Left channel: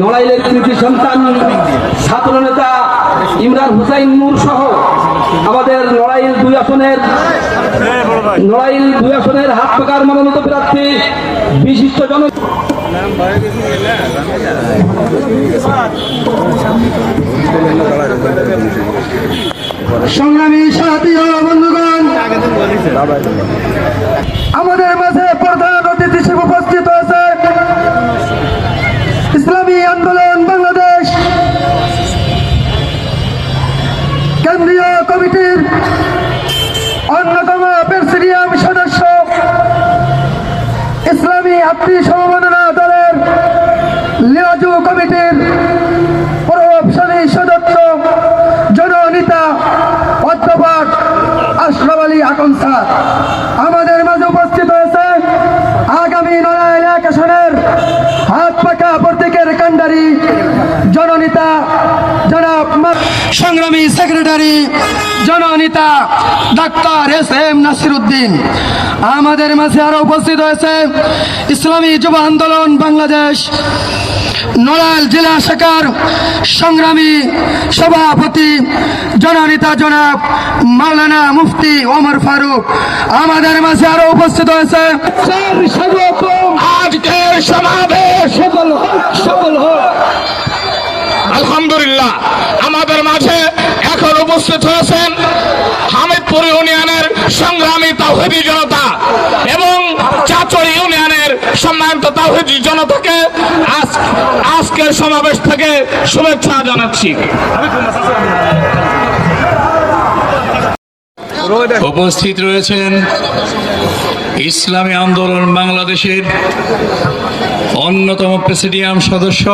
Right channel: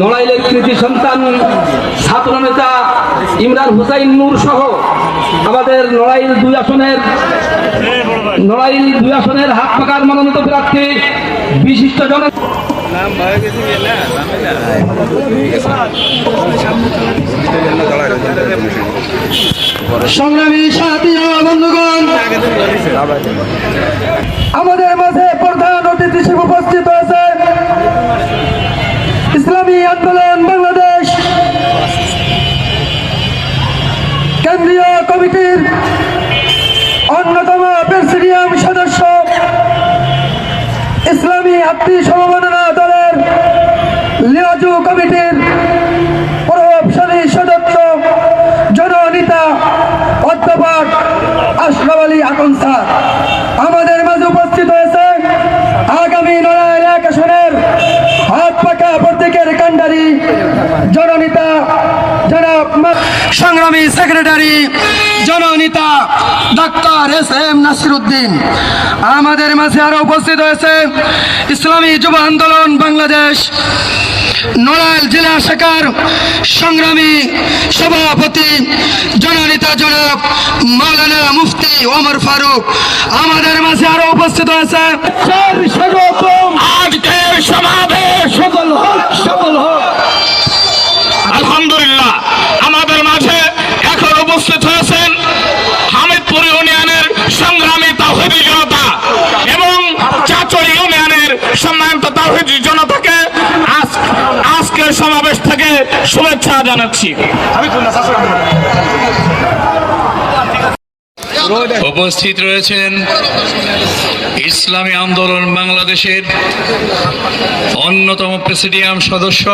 নড়াইলের কৃতি সন্তান, ছাত্র নেতা ইমরান হুসাইন নূর সহ আমাদের নড়াইল দুই আসনের, নড়াইল দুই আসনের হাত পাকার মনোনীত প্রার্থী, বিশিষ্ট জন সংগ্রামী সাথী বন্ধুগণ অন্যতম প্রেসিডিয়াম সদস্য ইসলামী আত্মী সমবেদনা দলের লিয়াজু কমিটির প্রভাবশালী সদস্য জননেতা অধ্যাপক আশরাফ আলী আকন স্যার। আমাদের মাঝে উপস্থিত হয়েছে আগামী নড়াইল এক হাত পাকা প্রতীকের কান্ডারি জননেতা জনাব সংগ্রামী সেক্রেটারি জননেতা doctor S M Nasir Uddin আমাদের মাঝে আরও উপস্থিত হয়েছে ইসলামী যুব আন্দোলন বাংলাদেশ নড়াইল জেলা শাখার সংগ্রামী সভাপতি জননেতা জনাব মাওলানা মুফতি ওমর ফারুক। আমাদের মাঝে আরও উপস্থিত হয়েছে। আজকের সমাবেশ সফল হোক সফল হোক। উপস্থিত হয়েছেন হামিদপুর ইউনিয়নের সংগ্রামী তাহিদি জনতা এবং চাচর ইউনিয়নের সম্মানিত তাহিদি জনতাকে আজ আজকের সমাবেশ থেকে শুভেচ্ছা জানাচ্ছি। উপস্থিত রয়েছেন ইসলামী আন্দোলন বাংলাদেশের অন্যতম প্রেসিডিয়াম সদস্য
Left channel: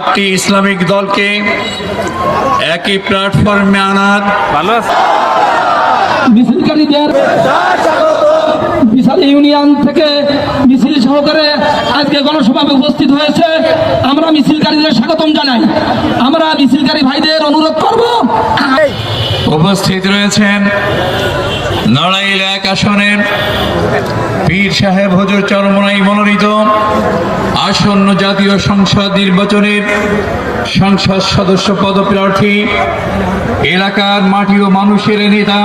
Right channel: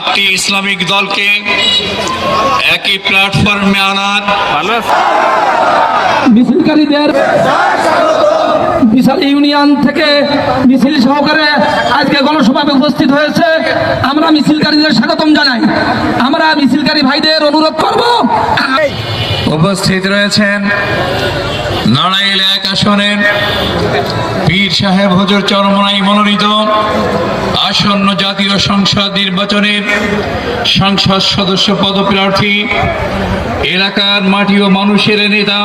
আটটি ইসলামিক দলকে একই প্ল্যাটফর্মে আনার। মিছিলকারীদের বিশাল ইউনিয়ন থেকে মিছিল সহকারে আজকে গণসভায় উপস্থিত হয়েছে। আমরা মিছিলকারীদের স্বাগতম জানাই। আমরা মিছিলকারী ভাইদের অনুরোধ করব। উপস্থিত রয়েছেন নড়াইল এক আসনের পীর সাহেব হজর চরমনাই মনোনীত আসন্ন জাতীয় সংসদ নির্বাচনের সংসদ সদস্য পদপ্রার্থী, এলাকার মাটি ও মানুষের নেতা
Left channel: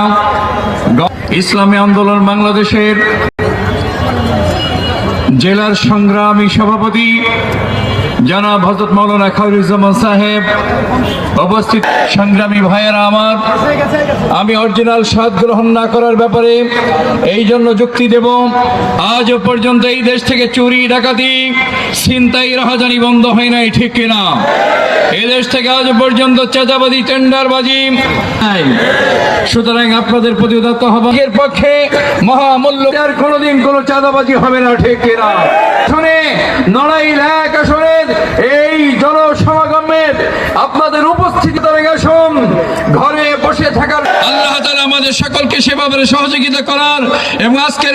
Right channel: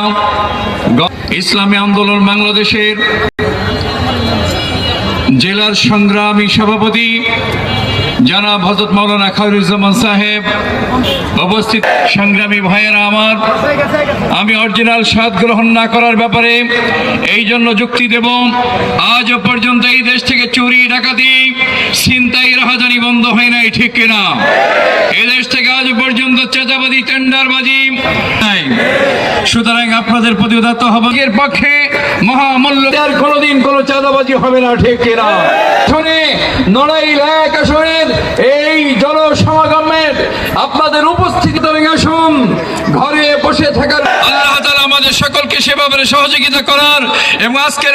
ইসলামী আন্দোলন বাংলাদেশের জেলার সংগ্রামী সভাপতি জনাব হজরত মৌলানা খায়রুজ্জামান সাহেব, অবস্থিত সংগ্রামী ভাইয়েরা আমার, আমি অরিজিনাল স্বাদ গ্রহণ না করার ব্যাপারে এই জন্য যুক্তি দেব। আজ পর্যন্ত এই দেশ থেকে চুরি, ডাকাতি, ছিনতাই, রাহাজানি বন্ধ হয় নাই, ঠিক কিনা? এই দেশ থেকে আজ পর্যন্ত চাঁদাবাজি, টেন্ডারবাজি সুতরাং আপনাদের প্রতি উদাত্ত হবার পক্ষে মহামূল্য কোনোদিন কোনো চাঁদাবাজি হবে না, ঠিক কিনা? শুনে নড়াইল এক আসনের এই জনসমাগমের আপনাদের উপস্থিতি আসুন ঘরে বসে থাকার আল্লাহ তাআলা আমাদের সকলকে সেভাবে সহযোগিতা করার এবং আজকের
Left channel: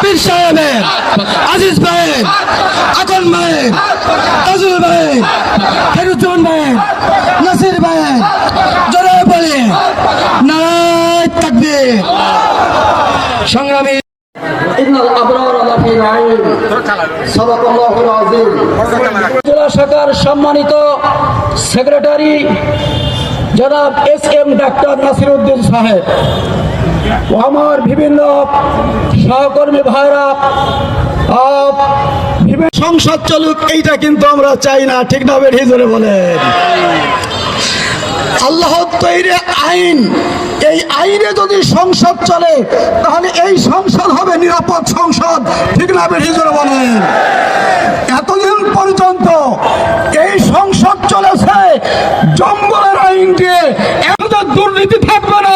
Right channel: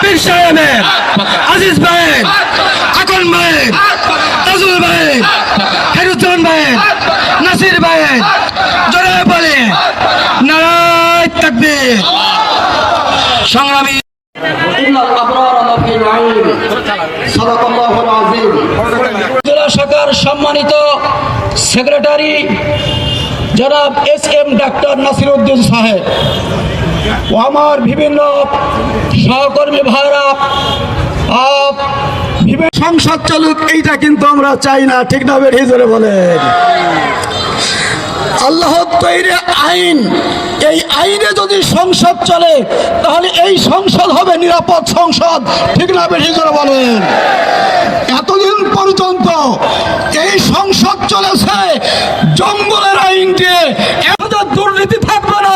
পীর সাহেবের আজিজ আকন তাজুল নাসির ভাই জোরে বলে নারায় সংগ্রামী জেলা শাখার সম্মানিত সেক্রেটারি জনাব S M doctor Nasir Uddin সাহেব ও আমার বিভিন্ন সহকর্মী ভাইরা সংসদ চলুক, এইটা কিন্তু আমরা চাই না, ঠিক না বেরিয়ে বলেন। আল্লাহ তৈরি আইন। এই আইনে যদি সংসদ চলে, তাহলে এই সংসদ হবে নিরাপদ সংসদ। ঠিক না বেশি করে বলেন। এতদিন পর্যন্ত এই সংসদ চলেছে, জঙ্গলের আইন দিয়ে দুর্নীতি থাকবে না।